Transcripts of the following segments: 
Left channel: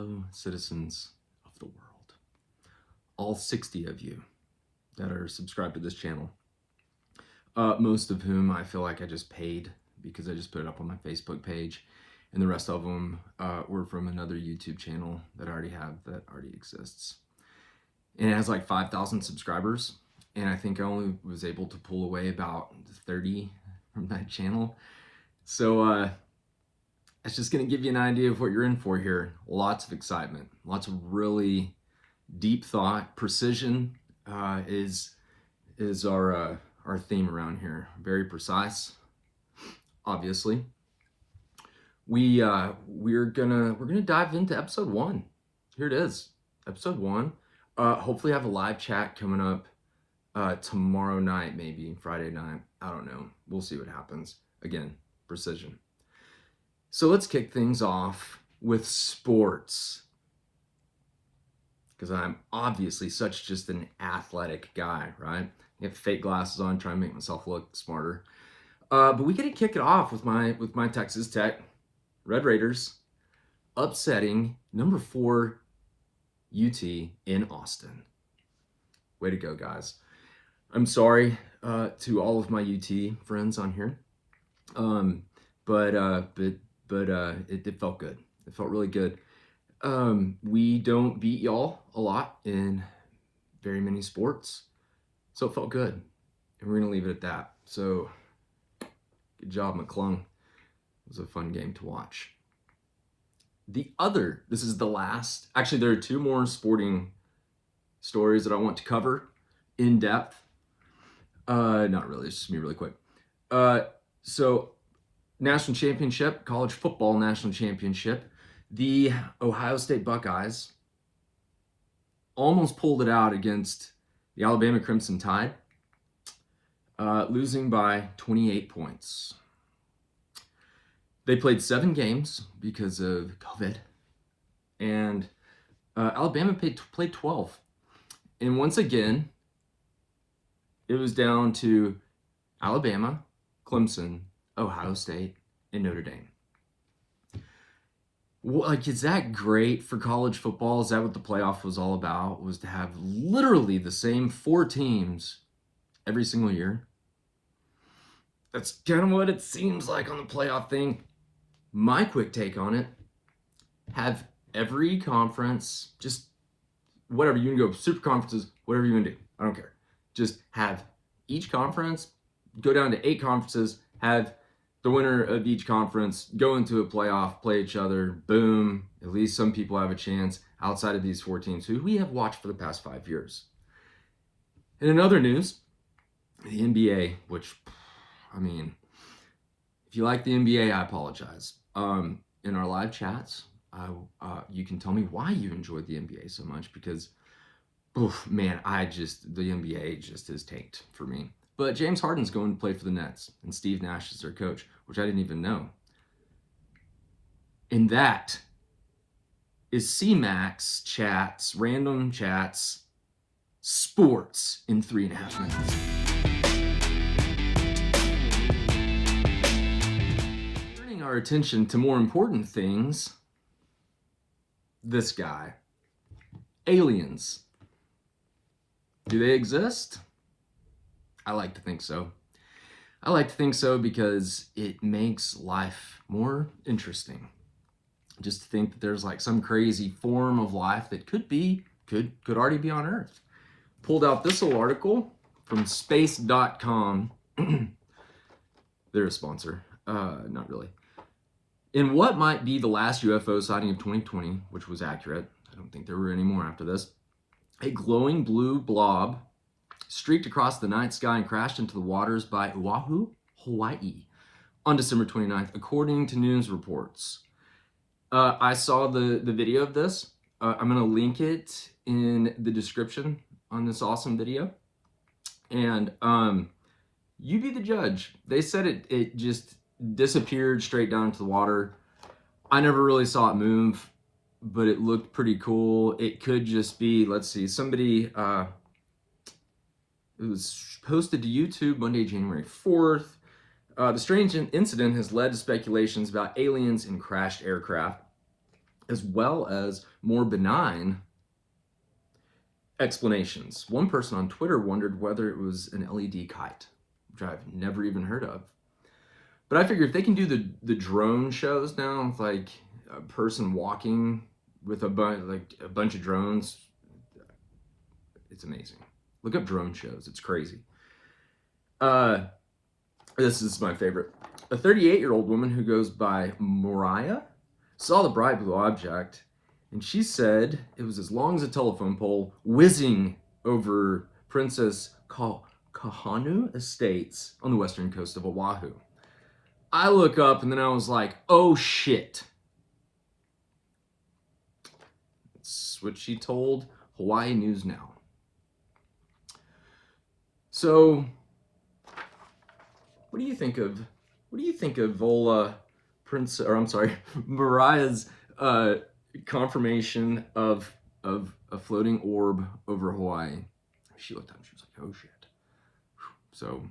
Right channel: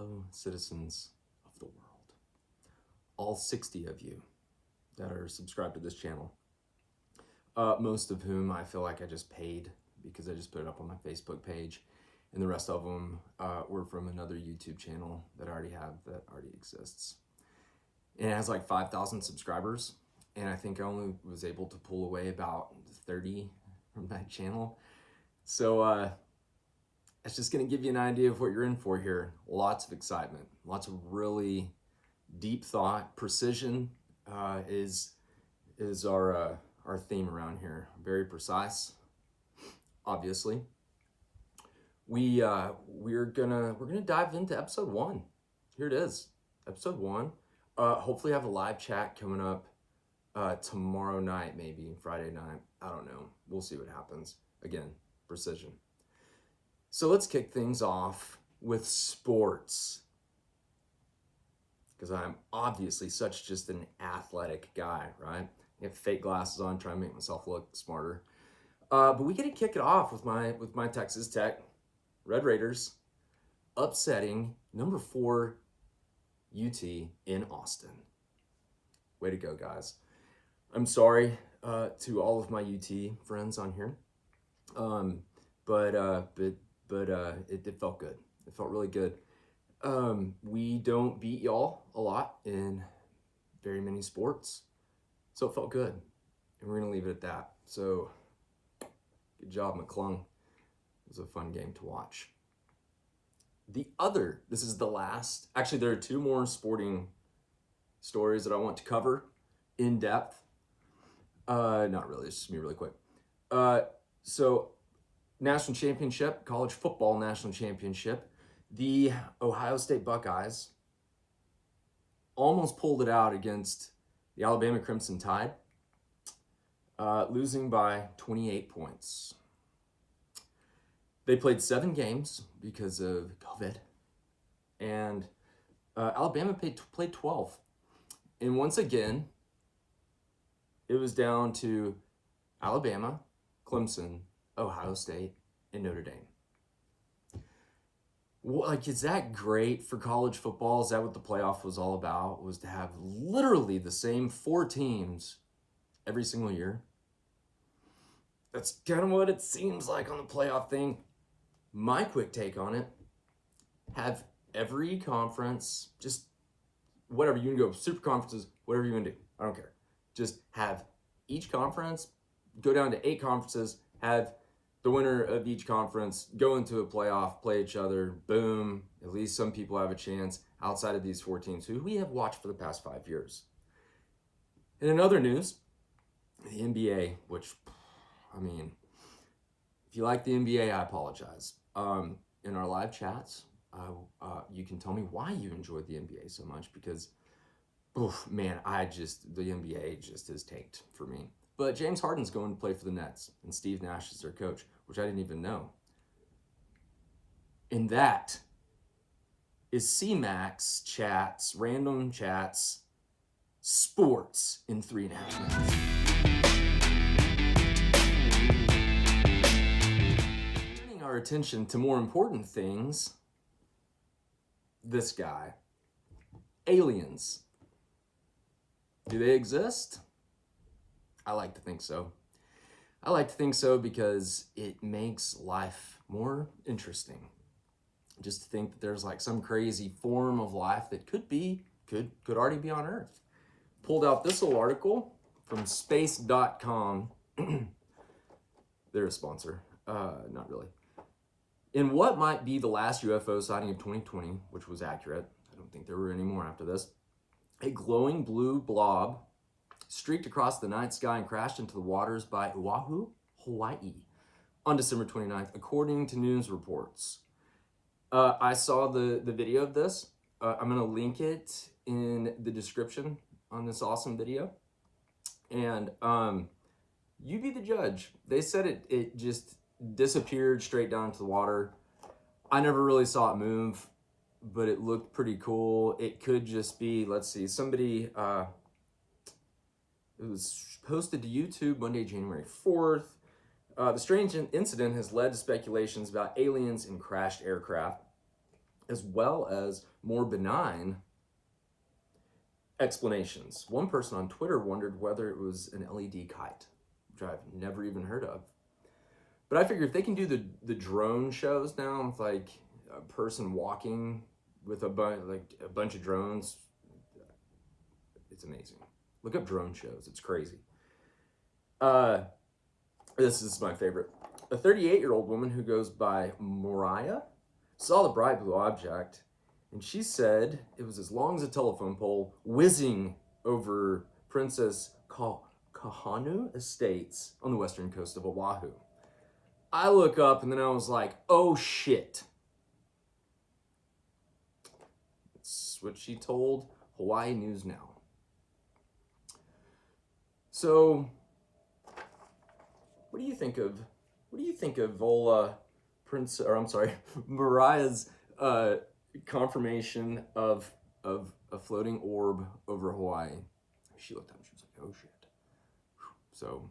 fellow citizens of the world, all 60 of you that are subscribed to this channel, most of whom I feel like I just paid because I just put it up on my Facebook page, and the rest of them were from another YouTube channel that I already have, that already exists. And it has like 5,000 subscribers, and I think I only was able to pull away about 30 from that channel. So it's just gonna give you an idea of what you're in for here. Lots of excitement, lots of really deep thought. Precision is our theme around here. Very precise, obviously. We're gonna dive into episode 1. Here it is, episode 1. Hopefully I have a live chat coming up tomorrow night, maybe Friday night. I don't know. We'll see what happens. Again, precision. So let's kick things off with sports, because I'm obviously such just an athletic guy, right? I have fake glasses on, trying to make myself look smarter. But we gotta kick it off with my Texas Tech Red Raiders upsetting number 4 UT in Austin. Way to go, guys. I'm sorry to all of my UT friends on here, but it felt good. It felt really good. We don't beat y'all a lot in very many sports, so it felt good, and we're gonna leave it at that. So good job, McClung. It was a fun game to watch. This is the last, actually there are 2 more sporting stories that I want to cover in depth. Not really, it's just me really quick. So national championship, college football national championship, the Ohio State Buckeyes almost pulled it out against the Alabama Crimson Tide, losing by 28 points. They played 7 games because of COVID, and Alabama played 12. And once again, it was down to Alabama, Clemson, Ohio State, and Notre Dame. Like, is that great for college football? Is that what the playoff was all about? Was to have literally the same 4 teams every single year? That's kind of what it seems like on the playoff thing. My quick take on it: have every conference, just whatever, you can go super conferences, whatever you want to do, I don't care. Just have each conference go down to 8 conferences, have the winner of each conference go into a playoff, play each other, boom. At least some people have a chance outside of these 4 teams who we have watched for the past 5 years. And in other news, the NBA, which, I mean, if you like the NBA, I apologize. In our live chats, you can tell me why you enjoyed the NBA so much, because, man, the NBA just is tanked for me. But James Harden's going to play for the Nets, and Steve Nash is their coach, which I didn't even know. And that is CMAC's chats, random chats, sports in 3.5 minutes. Turning our attention to more important things, this guy. Aliens. Do they exist? I like to think so. I like to think so because it makes life more interesting. Just to think that there's like some crazy form of life that could already be on Earth. Pulled out this little article from space.com. They're a sponsor. Not really. In what might be the last UFO sighting of 2020, which was accurate, I don't think there were any more after this, a glowing blue blob streaked across the night sky and crashed into the waters by Oahu, Hawaii, on December 29th, according to news reports. I saw the video of this. I'm going to link it in the description on this awesome video. And you be the judge. They said it just disappeared straight down into the water. I never really saw it move, but it looked pretty cool. It could just be, let's see, somebody... It was posted to YouTube Monday, January 4th. The strange incident has led to speculations about aliens and crashed aircraft. as well as more benign explanations. One person on Twitter wondered whether it was an LED kite, which I've never even heard of. But I figure if they can do the drone shows now, with like a person walking with a bunch of drones, it's amazing. Look up drone shows; it's crazy. This is my favorite. A 38-year-old woman who goes by Mariah saw the bright blue object, and she said it was as long as a telephone pole, whizzing over Princess Kahanu Estates on the western coast of Oahu. I look up and then I was like, oh shit. That's what she told Hawaii News Now. So, what do you think of Mariah's confirmation of a floating orb over Hawaii? She looked up and she was like, oh shit. So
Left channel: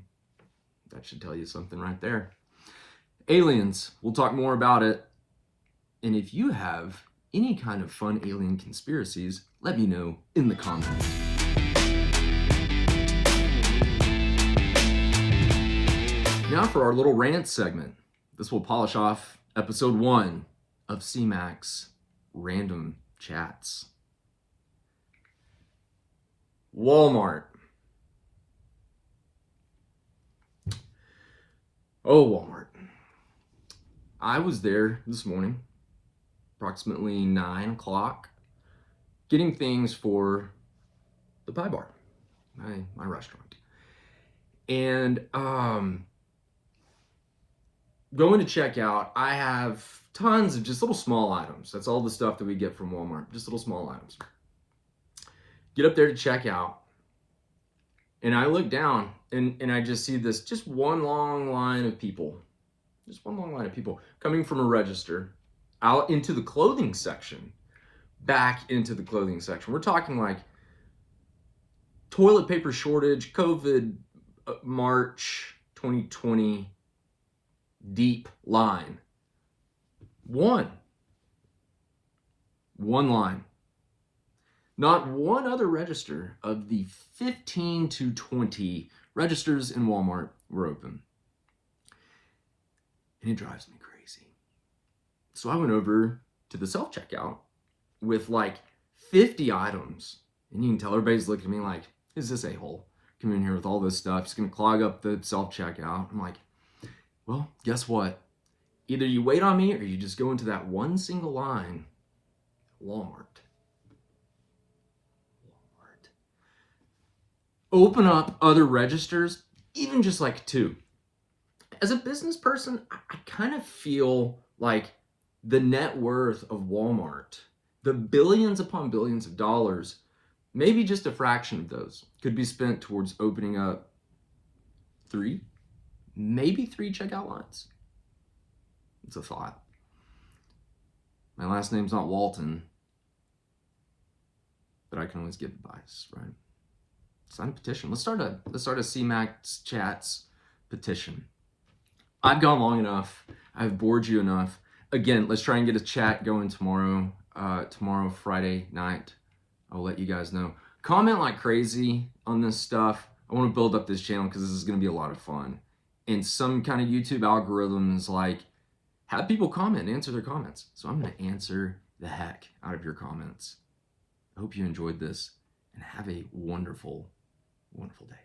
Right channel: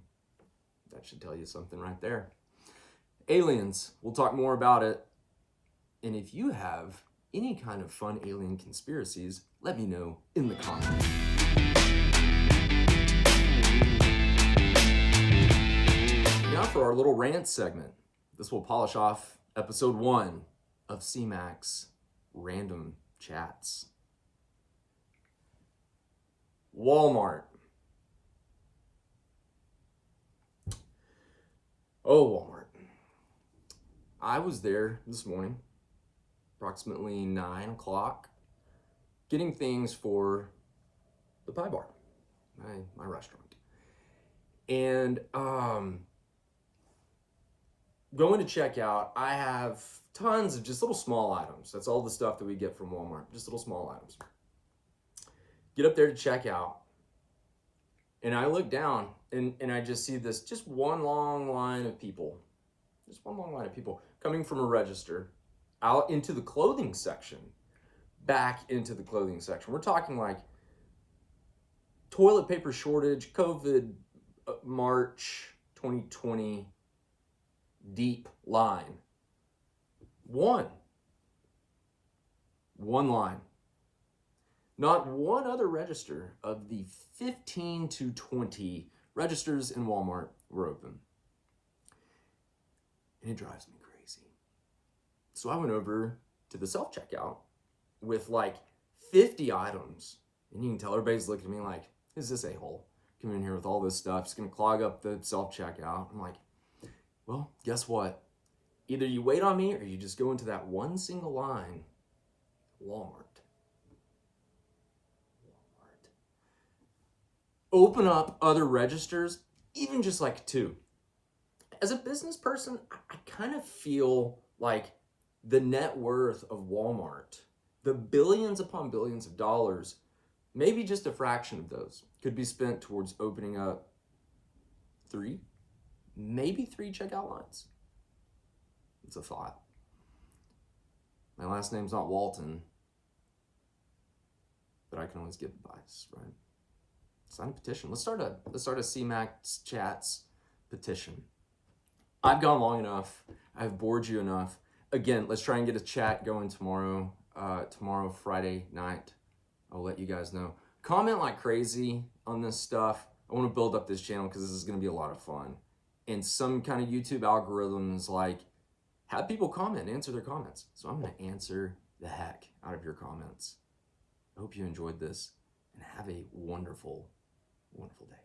that should tell you something right there. Aliens, we'll talk more about it. And if you have any kind of fun alien conspiracies, let me know in the comments. Now for our little rant segment. This will polish off episode 1 of CMAC's Random Chats. Walmart. Oh, Walmart. I was there this morning, approximately 9 o'clock, getting things for the pie bar, my restaurant. And going to check out, I have tons of just little small items. That's all the stuff that we get from Walmart, just little small items. Get up there to check out, and I look down, and I just see this, just one long line of people. Just one long line of people coming from a register out into the clothing section, back into the clothing section. We're talking like toilet paper shortage, COVID, March 2020, deep line. One line. Not one other register of the 15 to 20 registers in Walmart were open. And it drives me crazy. So I went over to the self-checkout with like 50 items. And you can tell everybody's looking at me like, who's this a-hole coming in here with all this stuff? It's gonna clog up the self-checkout. I'm like, well, guess what? Either you wait on me or you just go into that one single line, Walmart. Open up other registers, even just like 2. As a business person, I kind of feel like the net worth of Walmart, the billions upon billions of dollars, maybe just a fraction of those could be spent towards opening up 3, maybe 3 checkout lines. It's a thought. My last name's not Walton, but I can always give advice, right? Sign a petition. Let's start a CMAC Chats petition. I've gone long enough. I've bored you enough. Again, let's try and get a chat going tomorrow. Tomorrow, Friday night. I'll let you guys know. Comment like crazy on this stuff. I want to build up this channel because this is going to be a lot of fun. And some kind of YouTube algorithm is like, have people comment, answer their comments. So I'm going to answer the heck out of your comments. I hope you enjoyed this and have a wonderful, wonderful day.